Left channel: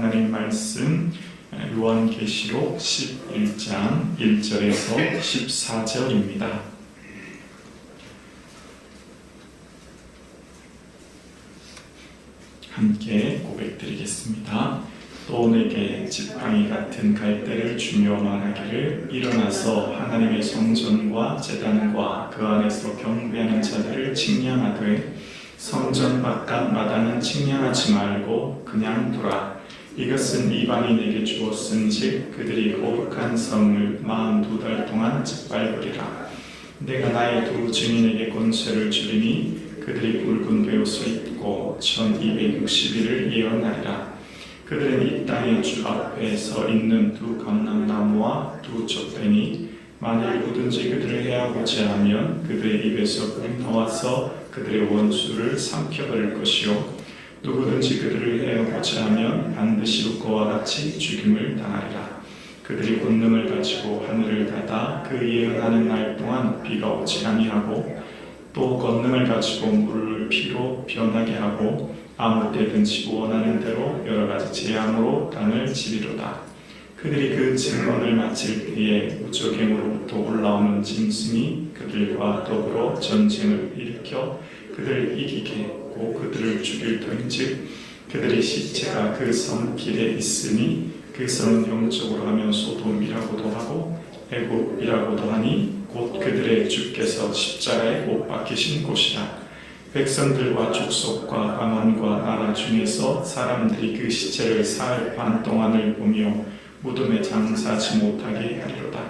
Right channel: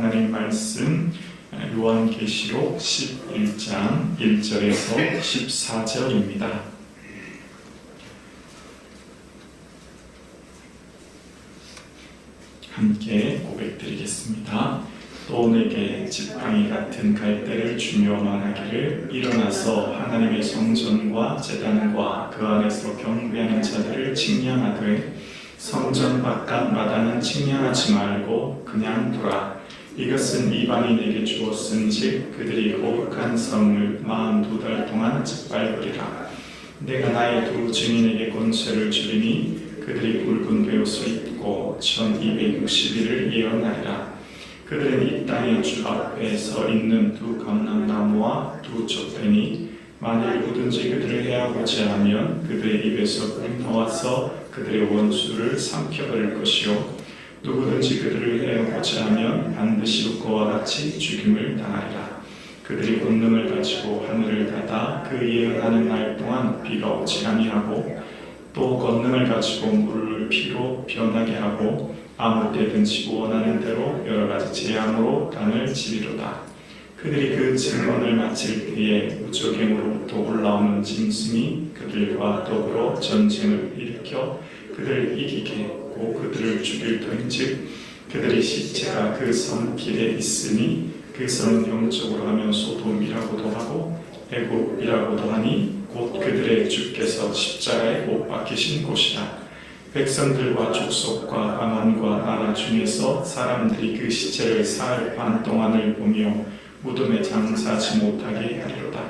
하나님 말씀 요한계시록 11장 1절에서 14절입니다. 함께 고백드리겠습니다. 또 내게 지팡이 같은 갈대를 주며 말하기를 일어나서 하나님의 성전과 제단과 그 안에서 경배하는 자들을 칭량하되 성전 바깥 마당은 칭량하지 말고 그냥 두라. 이것은 이방이 내게 주었은즉 그들이 거룩한 성을 42달 동안 짓밟으리라. 내가 나의 두 증인에게 권세를 주리니 그들이 굵은 베옷을 입고 1260일을 예언하리라. 그들은 이 땅의 주 앞에 서 있는 두 감람나무와 두 촛대니 만일 누구든지 그들을 해하고자 하면 그들의 입에서 불이 나와서 그들의 원수를 삼켜버릴 것이요 누구든지 그들을 해하고자 하면 반드시 그와 같이 죽임을 당하리라. 그들이 권능을 가지고 하늘을 닫아 그 예언하는 날 동안 비가 오지 아니하고 또 권능을 가지고 물을 피로 변하게 하고 아무 때든지 원하는 대로 여러 가지 재앙으로 땅을 치리로다. 그들이 그 증언을 마칠 때에 우주경으로부터 올라오는 짐승이 그들과 더불어 전쟁을 일으켜 그들을 이기게 하고 그들을 죽일 터인즉 그들의 시체가 그 성 길에 있으니 그 성은 영적으로 하면 소돔이라고도 하고 애국이라고도 하니 곧 그들의 주께서 십자가에 못 박히신 곳이다. 백성들과 족속과 방언과 나라 중에서 사람들이 그 시체를 사흘 반 동안을 보며 무덤에 장사하지 못하게 하리로다.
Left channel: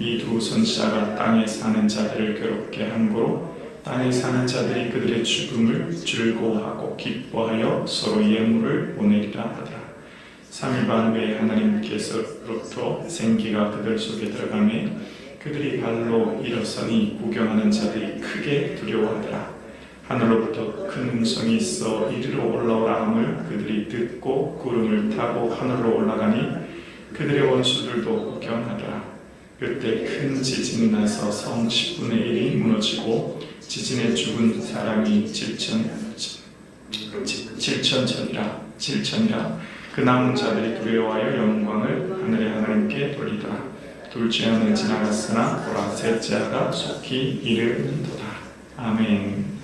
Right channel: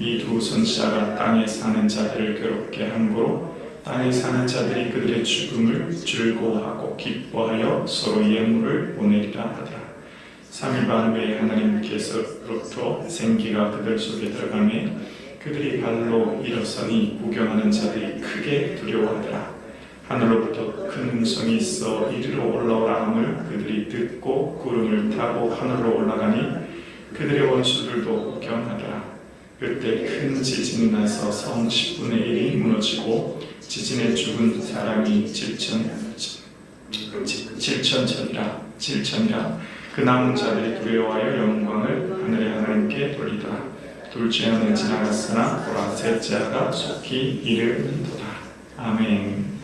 이 두 선지자가 땅에 사는 자들을 괴롭게 함으로 땅에 사는 자들이 그들의 죽음을 즐거워하고 기뻐하여 서로 예물을 보내리라 하더라. 3일 반 후에 하나님께서로부터 생기가 그들 속에 들어가매 그들이 발로 일어서니 구경하는 자들이 크게 두려워하더라. 하늘로부터 큰 음성이 있어 이리로 올라오라 함을 그들이 듣고 구름을 타고 하늘로 올라가니 그들의 원수들도 구경하더라. 그때 큰 지진이 나서 성 10분의 1이 무너지고 지진에 죽은 사람이 7천이라. 그 남은 자들이 두려워하여 영광을 하늘의 하나님께 돌리더라. 둘째 아는 지나갔으나 보라 셋째 아가 속히 이르는도다. 아멘.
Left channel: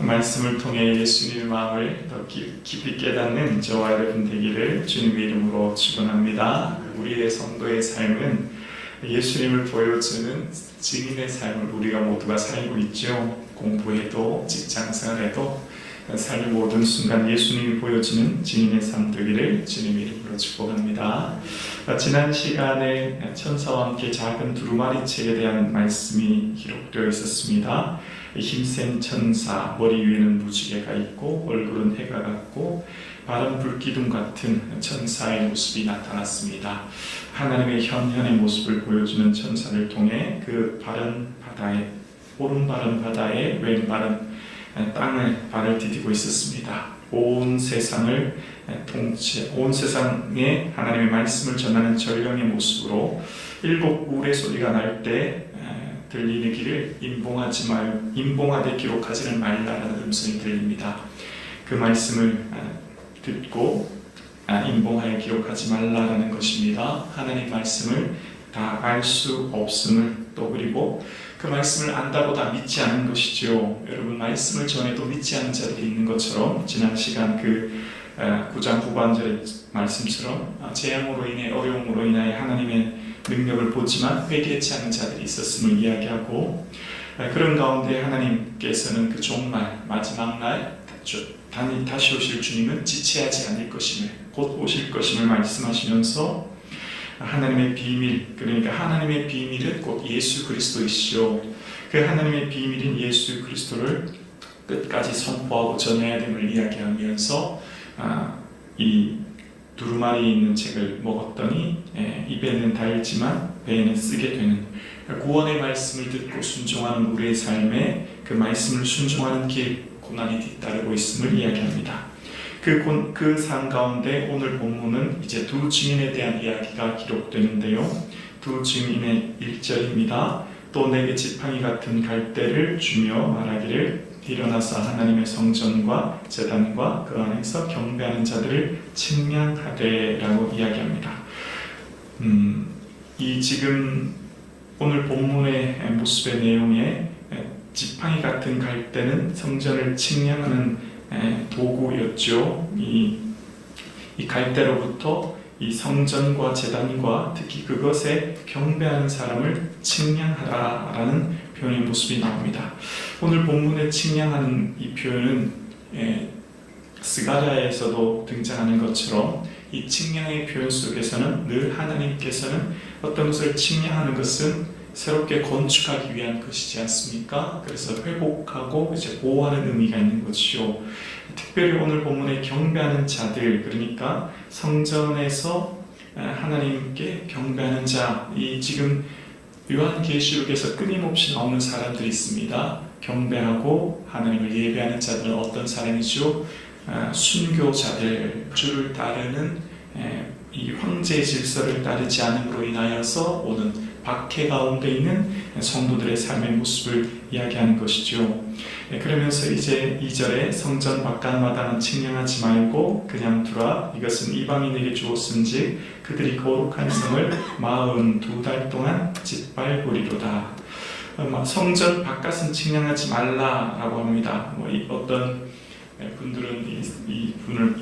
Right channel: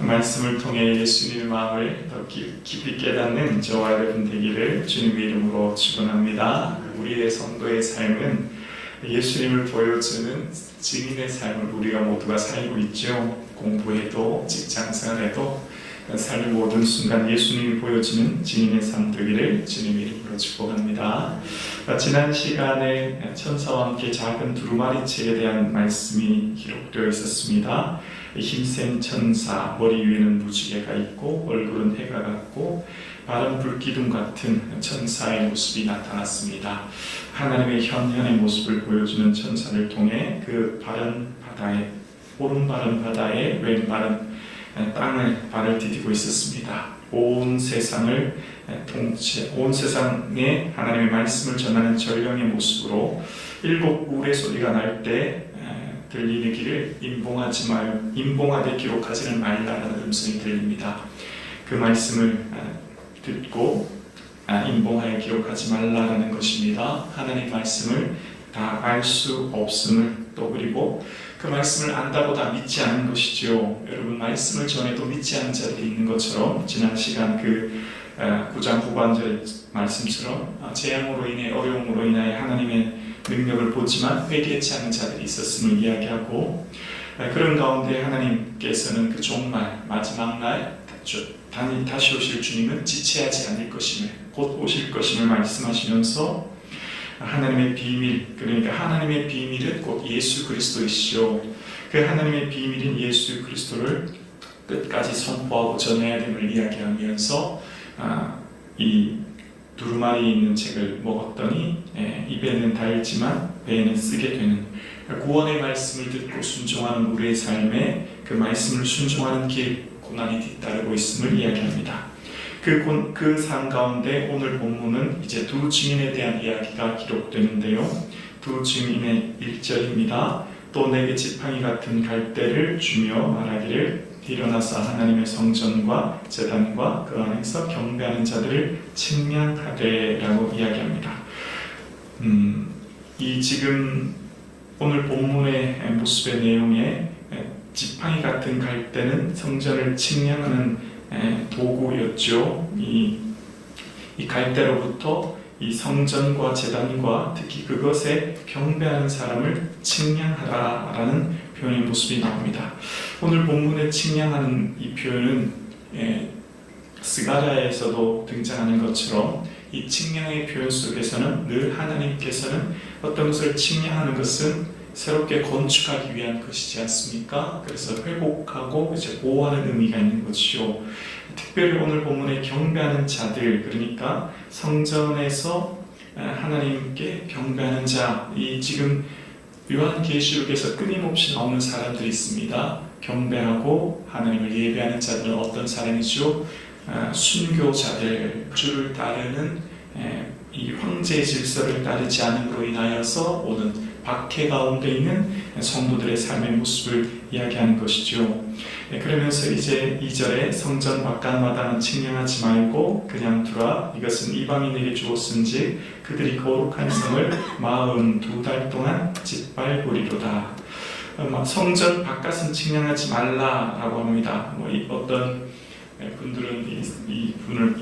말씀을 통해 예수님의 마음을 더 깊이 깨닫는 저와 여러분 되기를 주님의 이름으로 축원합니다. 우리의 성도의 삶은 예수님을 보여주는 증인의 삶을 우리가 모두가 살고 있죠. 공부해도 직장생활에도 삶의 모든 순간 예수님이 보여주는 증인의 삶 되기를 주님의 이름으로 축복합니다. 지난 시간에 천사와 함께 작은 두루마리 책에 대한 말씀이 기록되어 있었습니다. 힘센 천사, 머리 위에는 무지개가 있고 얼굴은 해가 같고 마른 불기둥 같은 천사의 모습이 나타났습니다. 하나님의 현현의 모습을 보여주는 천사를 통해 그 오른바른 바다에 왼바른 땅을 발을 디디고 있었습니다. 온 세상에 하나님의 말씀을 전하는 전령의 모습으로 일곱 울의 소리가 날 때 들리기를 임봉하되 기록하지는 말라라는 음성이 들립니다. 그 말씀을 듣고 임봉하여 기록하지 말라라는 것입니다. 하나님의 말씀을 다 알 수 없음을 또 그리고 그 말씀을 안다고 다 믿지 않는 것이죠. 여러분 말씀을 전해도 믿지 않는 자들이 있는 것처럼 지난 시간 그 9장 후반절의 말씀처럼 재앙으로 인해 어려움으로 인하여 하나님의 능력을 보지만 회개치 않는 자들이 있었음을 이야기하고 그런 가운데 하나님께서는 그 종말 마지막 날 다시 오실 주님은 지체하지 않을 것임을 곧 오실 것임을 말씀하시면서 하나님의 비밀 그러니까 하나님의 비밀은 곧 예수 그리스도이시오. 그 하나님의 비밀인 예수 그리스도를 끝까지 선포하고 전해야 됨을 이야기하면서 이 두루마리에 있는 책을 먹었더니 입에는 달지만 배에는 쓰게 되는 구원의 말씀을 듣고 순종하는 우리의 삶에 그 말씀을 순종하는 길 고난이 뒤따르고 있음을 이야기합니다. 그 삶 가운데 오늘 본문은 이제 두 증인에 대한 이야기가 기록되는데요. 두 증인의 1절입니다. 또 내게 지팡이 같은 갈대를 주며 말하기를 일어나서 하나님의 성전과 제단과 그 안에서 경배하는 자들을 측량하되라고 이야기합니다. 이 지금 오늘 본문의 모습의 내용에 지팡이 같은 갈대는 성전을 측량하는 도구였죠. 이 갈대로부터 이 성전과 제단과 특히 그것에 경배하는 사람을 측량하라라는 표현의 모습이 나옵니다. 오늘 본문에 측량하는 이 표현은 스가랴에서도 등장하는 것처럼 이 측량의 표현 속에서는 늘 하나님께서는 어떤 것을 측량하는 것은 새롭게 건축하기 위한 것이지 않습니까? 그래서 회복하고 이제 보호하는 의미가 있는 것이죠. 특별히 오늘 본문에 경배하는 자들, 그러니까 성전에서 하나님께 경배하는 자, 이 지금 요한계시록에서 끊임없이 나오는 사람들이 있습니다. 경배하고 하나님을 예배하는 자들은 어떤 사람이죠? 순교자들, 주를 따르는 이 황제의 질서를 따르지 않음으로 인하여서 오는 박해 가운데 있는 성도들의 삶의 모습을 이야기하는 것이죠. 그러면서 이제 2절에 성전 바깥마당은 측량하지 말고 그냥 두라. 이것은 이방인에게 주었은즉 그들이 거룩한 성을 42달 동안 짓밟으리로다. 성전 바깥은 측량하지 말라라고 합니다. 어떤 분들은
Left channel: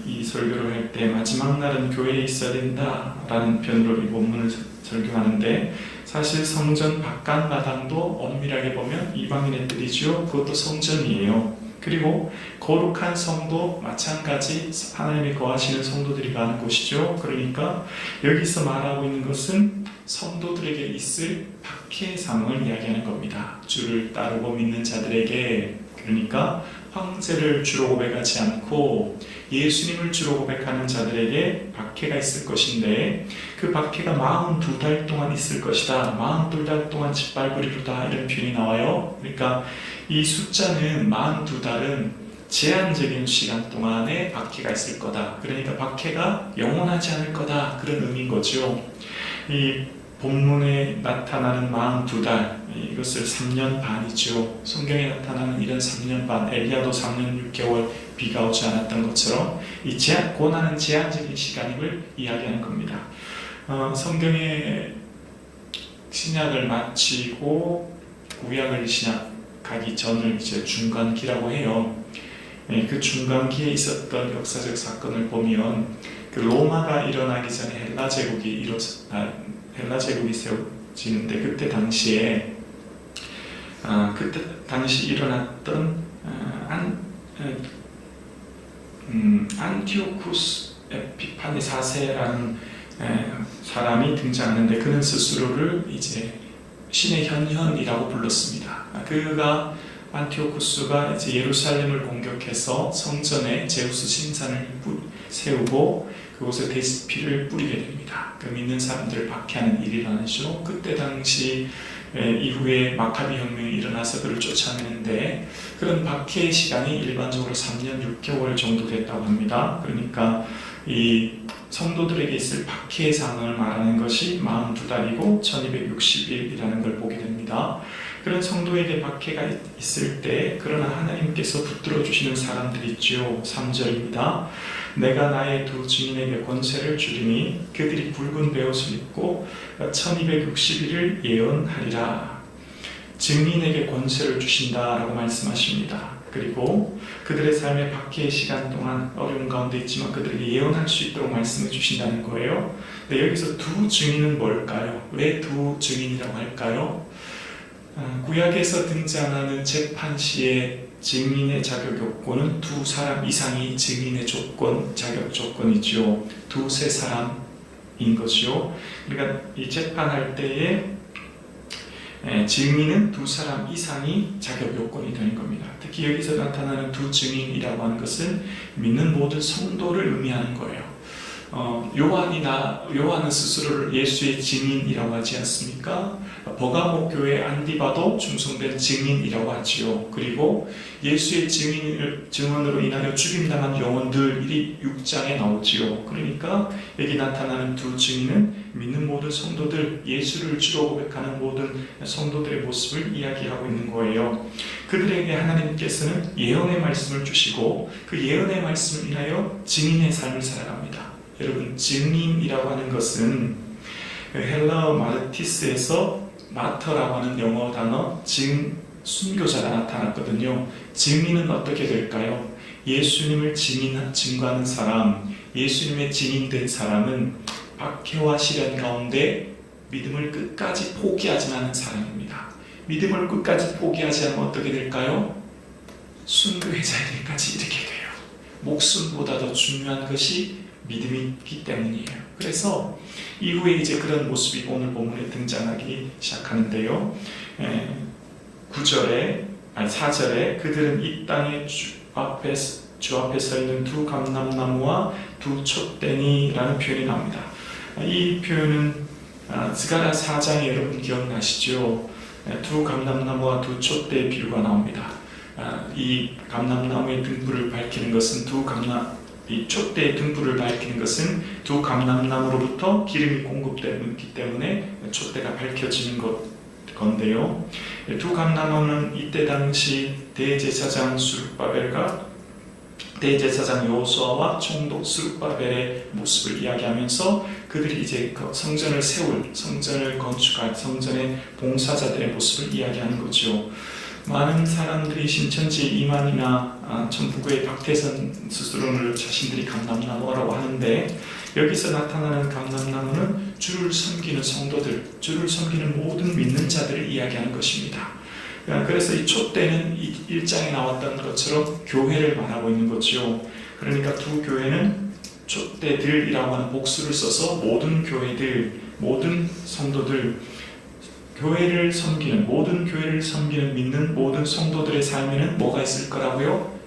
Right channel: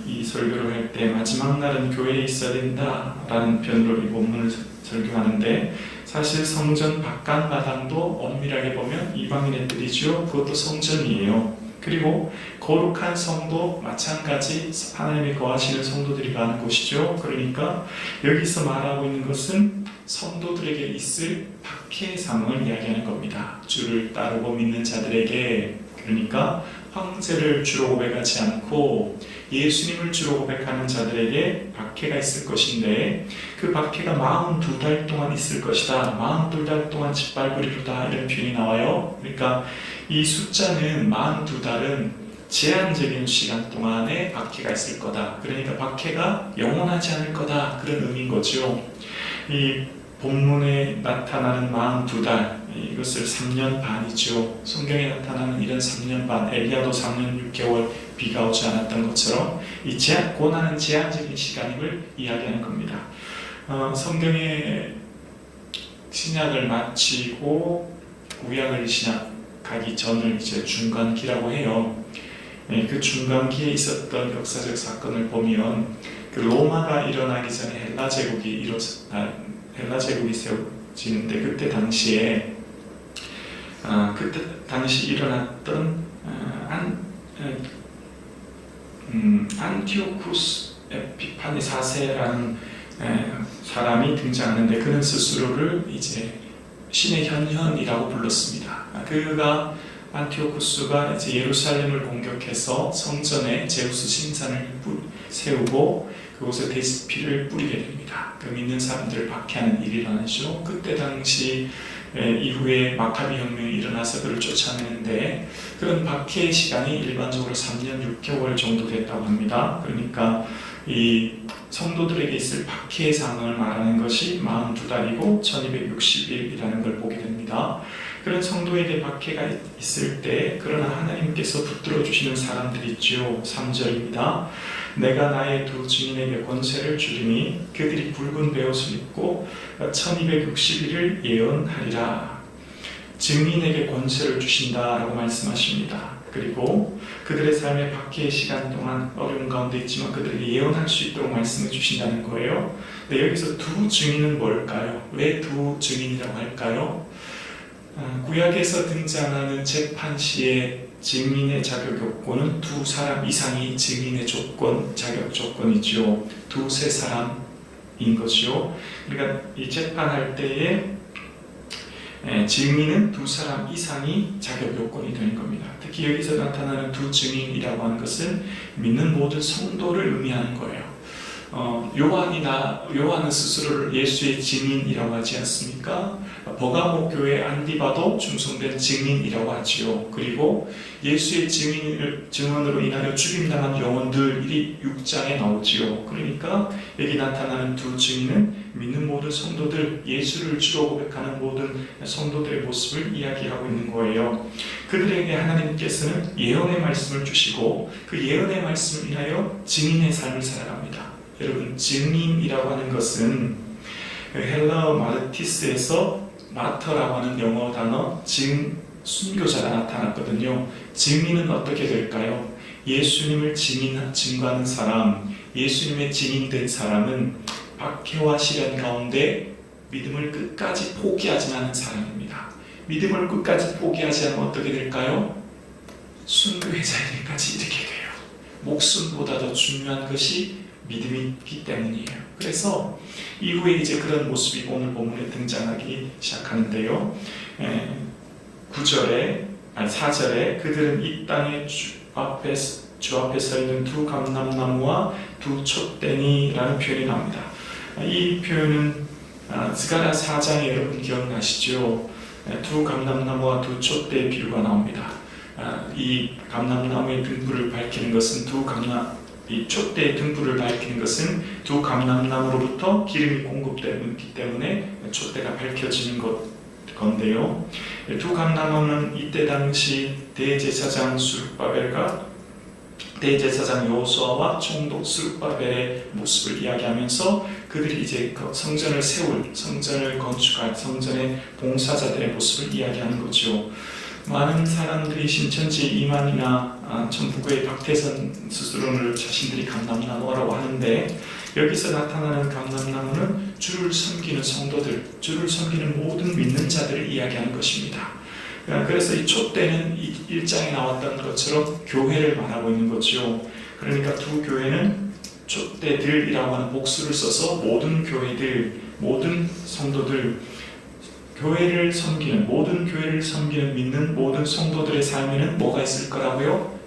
이 설교를 할 때 마지막 날은 교회에 있어야 된다라는 편으로 이 본문을 설교하는데, 사실 성전 바깥마당도 엄밀하게 보면 이방인의 뜻이죠. 그것도 성전이에요. 그리고 거룩한 성도 마찬가지 하나님이 거하시는 성도들이 가는 곳이죠. 그러니까 여기서 말하고 있는 것은 성도들에게 있을 박해의 상황을 이야기하는 겁니다. 주를 따르고 믿는 자들에게, 그러니까 황제를 주로 고백하지 않고 예수님을 주로 고백하는 자들에게 박해가 있을 것인데, 그 박해가 42달 동안 있을 것이다. 42달 동안 짓밟으리로다. 이런 표현이 나와요. 그러니까 이 숫자는 42달은 제한적인 시간 동안에 박해가 있을 거다. 그러니까 박해가 영원하지 않을 거다. 그런 의미인 거죠. 이 본문에 나타나는 42달, 이것을 3년 반이죠. 성경에 나타나는 이런 3년 반, 엘리야도 3년 6개월 비가 오지 않았던 것처럼 이 고난은 제한적인 시간임을 이야기하는 겁니다. 성경의 신약을 마치고 구약을 시작하기 전을 이제 중간기라고 해요. 그 중간기에 있었던 역사적 사건을 보면 그 로마가 일어나기 전에 헬라 제국이 세워지는데, 그때 당시 일어났던 안티오쿠스 에피파네 4세라는 사람이 등장하는데, 그는 스스로를 이제 신의 현현이라고 불렀습니다. 그가 안티오쿠스가 이제 예루살렘을 공격해서 성전에 제우스 신상을 세우고 그곳에 피를 뿌리게 됩니다. 그 믿는 사람들을 박해하는 일이 일어나죠. 그때 당시 이후에 마카비 혁명이 일어나서 그를 쫓아내는데, 그런 박해의 시간이 일반적으로 3년 6개월 정도 됐다고 합니다. 그러니까 이 성도들에게 있을 박해의 상황을 말하는 것이 42달이고 1260일이라는 걸 보게 됩니다. 그런 성도에게 박해가 있을 때, 그러나 하나님께서 붙들어 주시는 사람들이 있죠. 3절입니다. 내가 나의 두 증인에게 권세를 주리니 그들이 붉은 베옷을 입고 1260일을 예언하리라. 증인에게 권세를 주신다라고 말씀하십니다. 그리고 그들의 삶의 박해의 시간 동안 어려운 가운데 있지만 그들이 예언할 수 있도록 말씀해 주신다는 거예요. 근데 여기서 두 증인은 뭘까요? 왜 두 증인이라고 할까요? 구약에서 등장하는 재판 시의 증인의 자격 요건은 두 사람 이상이 증인의 자격 조건이죠. 두세 사람인 것이요. 그러니까 이 재판할 때에 증인은 두 사람 이상이 자격 요건이 되는 겁니다. 특히 여기서 나타나는 두 증인이라고 하는 것은 믿는 모든 성도를 의미하는 거예요. 요한은 스스로를 예수의 증인이라고 하지 않습니까? 버가모 교회 안디바도 충성된 증인이라고 하지요. 그리고 예수의 증언으로 인하여 죽임당한 영혼들이 6장에 나오지요. 그러니까 여기 나타나는 두 증인은 믿는 모든 성도들, 예수를 주로 고백하는 모든 성도들의 모습을 이야기하고 있는 거예요. 그들에게 하나님께서는 예언의 말씀을 주시고 그 예언의 말씀을 인하여 증인의 삶을 살아갑니다. 여러분, 증인이라고 하는 것은 헬라어 마르티스에서 마터라고 하는 영어 단어 순교자가 나타났거든요. 증인은 어떻게 될까요? 예수님을 증거하는 사람, 예수님의 증인된 사람은 박해와 시련 가운데 믿음을 끝까지 포기하지 않는 사람입니다. 믿음을 끝까지 포기하지 않으면 어떻게 될까요? 순교의 자리까지 이르게 돼요. 목숨보다 더 중요한 것이 믿음이기 때문이에요. 그래서 이후에 이제 그런 모습이 오늘 본문에 등장하기 시작하는데요. 4절에 그들은 이 땅의 주 앞에 서 있는 두 감람나무와 두 촛대니라는 표현이 나옵니다. 이 표현은 스가랴 4장에 여러분 기억나시죠? 두 감람나무와 두 촛대의 비유가 나옵니다. 이 감람나무의 등불을 밝히는 것은 이 촛대의 등불을 밝히는 것은 두 감람나무로부터 기름이 공급되기 때문에 촛대가 밝혀지는 건데요. 두 감람나무는 이때 당시 대제사장 수르바벨과 대제사장 여호수아와 총독 수르바벨의 모습을 이야기하면서 그들이 이제 성전을 건축할 성전의 봉사자들의 모습을 이야기하는 거죠. 많은 사람들이 신천지 이만희나 전북의 박태선 스스로를 자신들이 감람나무라고 하는데 여기서 나타나는 감람나무는 주를 섬기는 성도들, 주를 섬기는 모든 믿는 자들을 이야기하는 것입니다. 그래서 이 촛대는 1장에 나왔던 것처럼 교회를 말하고 있는 거죠. 그러니까 두 교회는 촛대들이라고 하는 복수를 써서 모든 교회들, 모든 성도들, 모든 교회를 섬기는 믿는 모든 성도들의 삶에는 뭐가 있을 거라고요?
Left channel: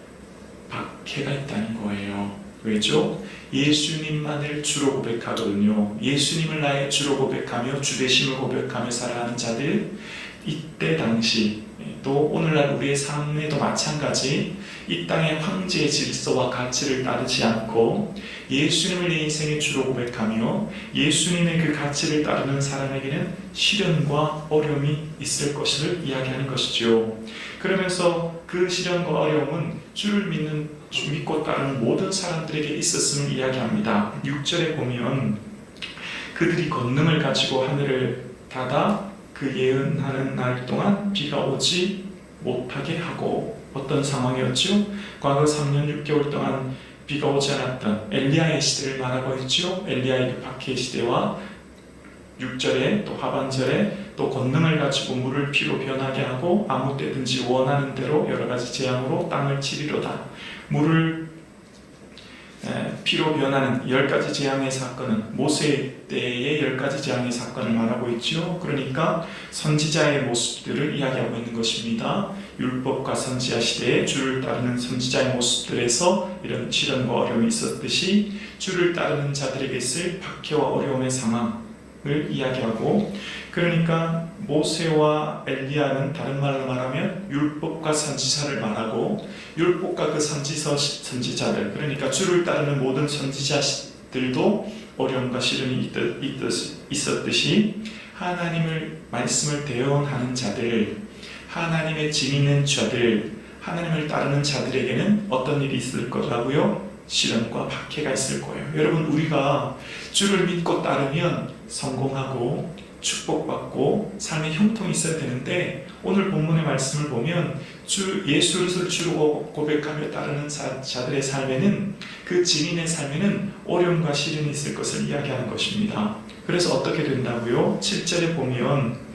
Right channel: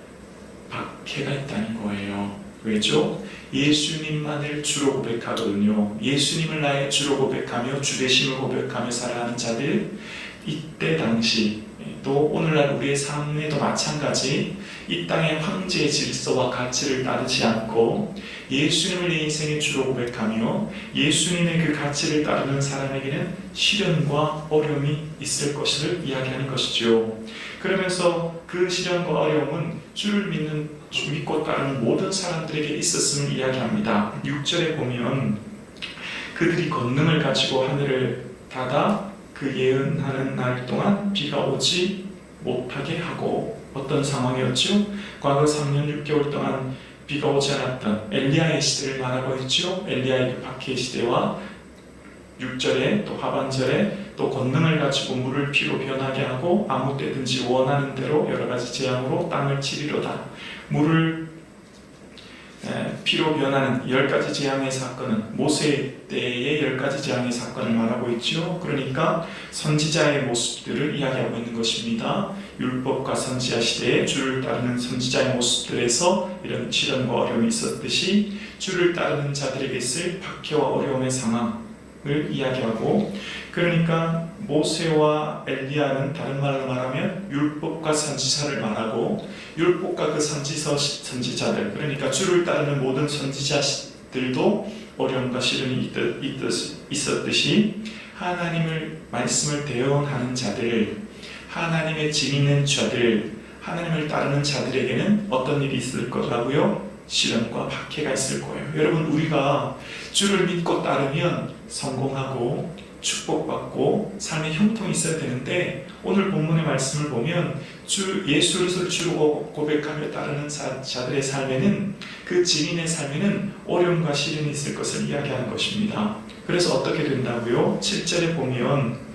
박해가 있다는 거예요. 왜죠? 예수님만을 주로 고백하거든요. 예수님을 나의 주로 고백하며 주되심을 고백하며 살아가는 자들, 이때 당시 또 오늘날 우리의 삶에도 마찬가지 이 땅의 황제의 질서와 가치를 따르지 않고 예수님을 내 인생의 주로 고백하며 예수님의 그 가치를 따르는 사람에게는 시련과 어려움이 있을 것을 이야기하는 것이죠. 그러면서 그 시련과 어려움은 주를 믿고 따르는 모든 사람들에게 있었음을 이야기합니다. 6절에 보면 그들이 권능을 가지고 하늘을 닫아 그 예언하는 날 동안 비가 오지 못하게 하고, 어떤 상황이었죠? 과거 3년 6개월 동안 비가 오지 않았던 엘리야의 시대를 말하고 있죠. 엘리야의 박해의 시대와 6절에 또 하반절에 또 권능을 가지고 물을 피로 변하게 하고 아무 때든지 원하는 대로 여러 가지 재앙으로 땅을 치리로다. 물을 피로 변하는 10가지 재앙의 사건은 모세 때의 10가지 재앙의 사건을 말하고 있죠. 그러니까 선지자의 모습들을 이야기하고 있는 것입니다. 율법과 선지자 시대에 주를 따르는 선지자의 모습들에서 이런 시련과 어려움이 있었듯이 주를 따르는 자들에게 있을 박해와 어려움의 상황을 이야기하고, 그러니까 모세와 엘리야는 다른 말로 말하면 율법과 선지자를 말하고, 율법과 그 선지자들, 그러니까 주를 따르는 모든 선지자들도 어려움과 시련이 있었듯이 하나님을 말씀을 대언하는 자들, 하나님의 증인된 자들, 하나님을 따르는 자들에게는 어떤 일이 있을 거라고요? 시련과 박해가 있을 거예요. 여러분, 우리가 주를 믿고 따르면 성공하고 축복받고 삶의 형통이 있어야 되는데, 오늘 본문의 말씀을 보면 예수를 주로 고백하며 따르는 자들의 삶에는, 그 증인의 삶에는 어려움과 시련이 있을 것을 이야기하는 것입니다. 그래서 어떻게 된다고요? 7절에 보면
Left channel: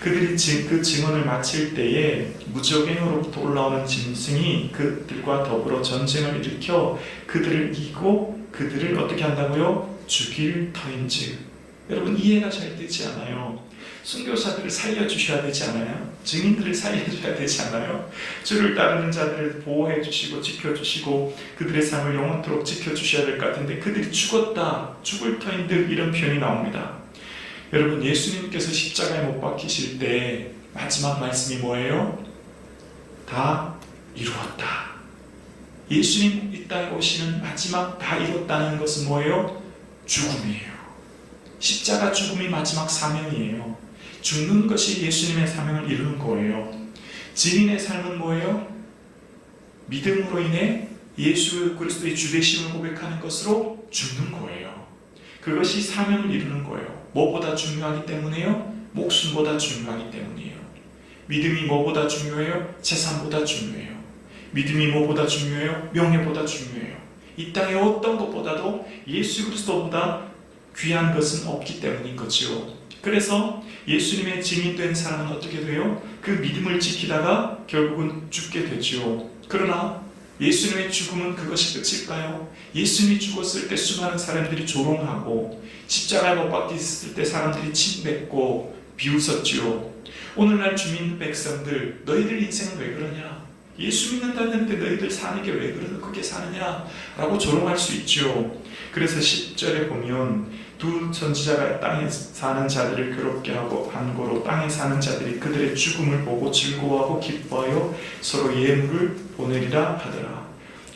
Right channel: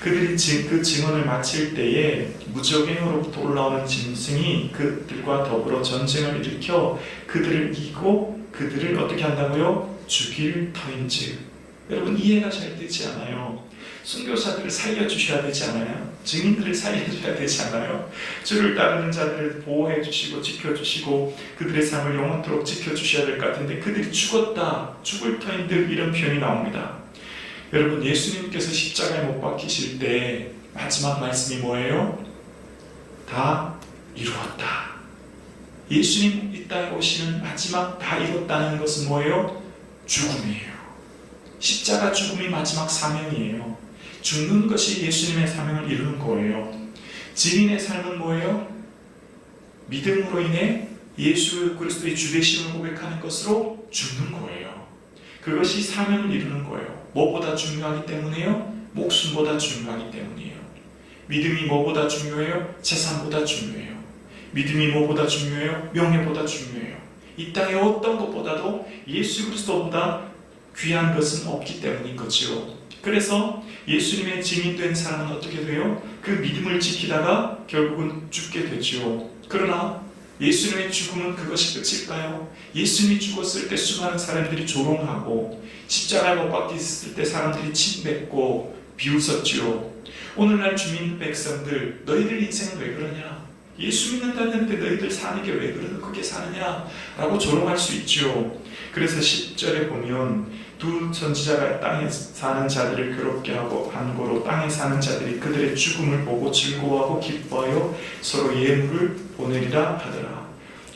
그들이 그 증언을 마칠 때에 무적행으로부터 올라오는 짐승이 그들과 더불어 전쟁을 일으켜 그들을 이기고 그들을 어떻게 한다고요? 죽일 터인즉. 여러분, 이해가 잘 되지 않아요. 순교자들을 살려주셔야 되지 않아요? 증인들을 살려주셔야 되지 않아요? 주를 따르는 자들을 보호해 주시고 지켜주시고 그들의 삶을 영원토록 지켜주셔야 될 것 같은데, 그들이 죽었다, 죽을 터인들, 이런 표현이 나옵니다. 여러분, 예수님께서 십자가에 못 박히실 때 마지막 말씀이 뭐예요? 다 이루었다. 예수님 이 땅에 오시는 마지막 다 이뤘다는 것은 뭐예요? 죽음이에요. 십자가 죽음이 마지막 사명이에요. 죽는 것이 예수님의 사명을 이루는 거예요. 증인의 삶은 뭐예요? 믿음으로 인해 예수 그리스도의 주되심을 고백하는 것으로 죽는 거예요. 그것이 사명을 이루는 거예요. 뭐보다 중요하기 때문에요? 목숨보다 중요하기 때문이에요. 믿음이 뭐보다 중요해요? 재산보다 중요해요. 믿음이 뭐보다 중요해요? 명예보다 중요해요. 이 땅의 어떤 것보다도 예수 그리스도보다 귀한 것은 없기 때문인 거죠. 그래서 예수님의 증인된 사람은 어떻게 돼요? 그 믿음을 지키다가 결국은 죽게 되죠. 그러나 예수님의 죽음은 그것이 끝일까요? 예수님이 죽었을 때 수많은 사람들이 조롱하고 십자가에 못 박혔을 때 사람들이 침뱉고 비웃었죠. 오늘날 주민 백성들, 너희들 인생은 왜 그러냐? 예수 믿는다는데 너희들 사는 게 왜 그렇게 사느냐? 라고 조롱할 수 있죠. 그래서 10절에 보면 두 선지자가 땅에 사는 자들을 괴롭게 하고 반고로 땅에 사는 자들이 그들의 죽음을 보고 즐거워하고 기뻐하여 서로 예물을 보내리라 하더라.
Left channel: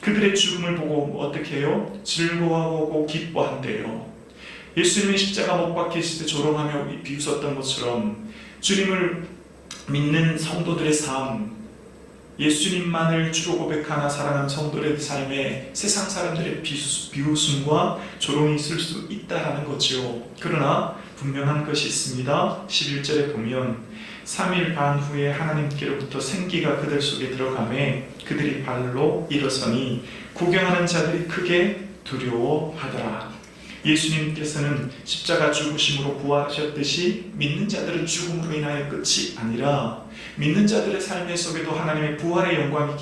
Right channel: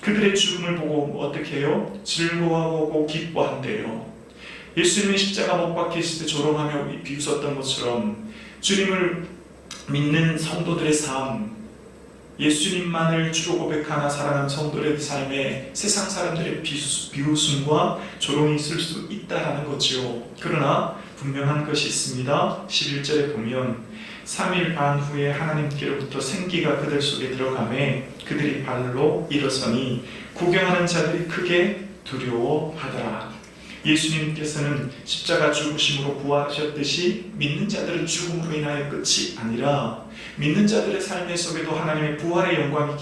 그들의 죽음을 보고 어떻게 해요? 즐거워하고 기뻐한대요. 예수님이 십자가 못 박히실 때 조롱하며 비웃었던 것처럼 주님을 믿는 성도들의 삶, 예수님만을 주로 고백하나 살아가는 성도들의 삶에 세상 사람들의 비웃음과 조롱이 있을 수 있다라는 거죠. 그러나 분명한 것이 있습니다. 11절에 보면 3일 반 후에 하나님께로부터 생기가 그들 속에 들어가매 그들이 발로 일어서니 구경하는 자들이 크게 두려워하더라. 예수님께서는 십자가 죽으심으로 부활하셨듯이 믿는 자들의 죽음으로 인하여 끝이 아니라 믿는 자들의 삶 속에도 하나님의 부활의 영광이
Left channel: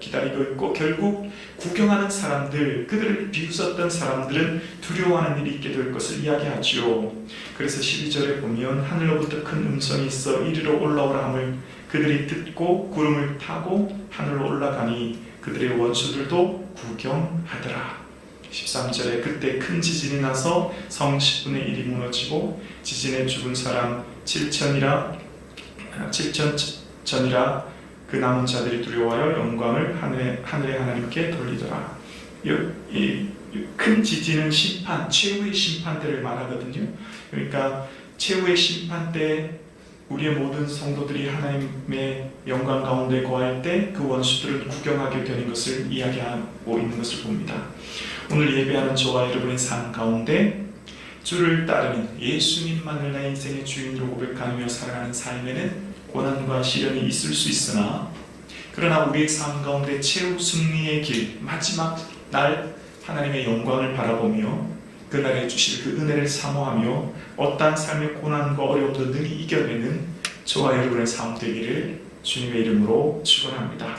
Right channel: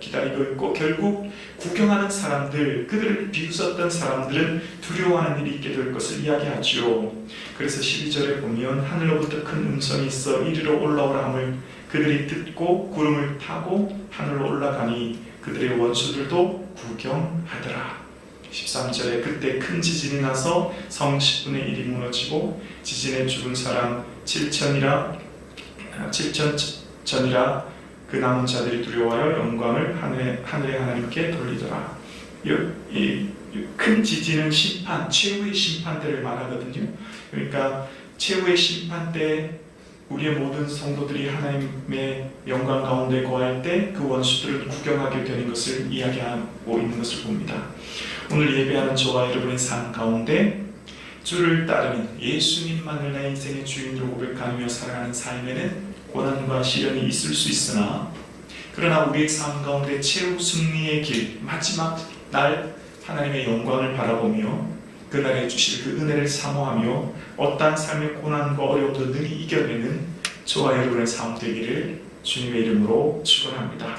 기다리고 있고 결국 구경하는 사람들, 그들을 비웃었던 사람들은 두려워하는 일이 있게 될 것을 이야기하죠. 그래서 12절에 보면 하늘로부터 큰 음성이 있어 이리로 올라오라 함을 그들이 듣고 구름을 타고 하늘로 올라가니 그들의 원수들도 구경하더라. 13절에 그때 큰 지진이 나서 성 10분의 1이 무너지고 지진에 죽은 사람 7천이라 그 남은 자들이 두려워하여 영광을 하늘의 하나님께 돌리더라. 이 큰 지진은 심판, 최후의 심판 때를 말하거든요. 그러니까 최후의 심판 때 우리의 모든 성도들이 하나님의 영광 가운데 거할 때 그 원수들을 구경하게 되는 것을 이야기하고 있는 것을 봅니다. 오늘 예배하는 저와 여러분의 삶 가운데 주를 따르는 예수님만을 내 인생의 주인으로 고백하며 살아가는 삶에는 고난과 시련이 있을 수 있으나 그러나 우리의 삶 가운데 최후 승리의 길, 마지막 날 하나님의 영광을 바라보며 그날에 주실 그 은혜를 사모하며 어떠한 삶의 고난과 어려움도 능히 이겨내는 저와 여러분의 삶 되기를 주님의 이름으로 축원합니다.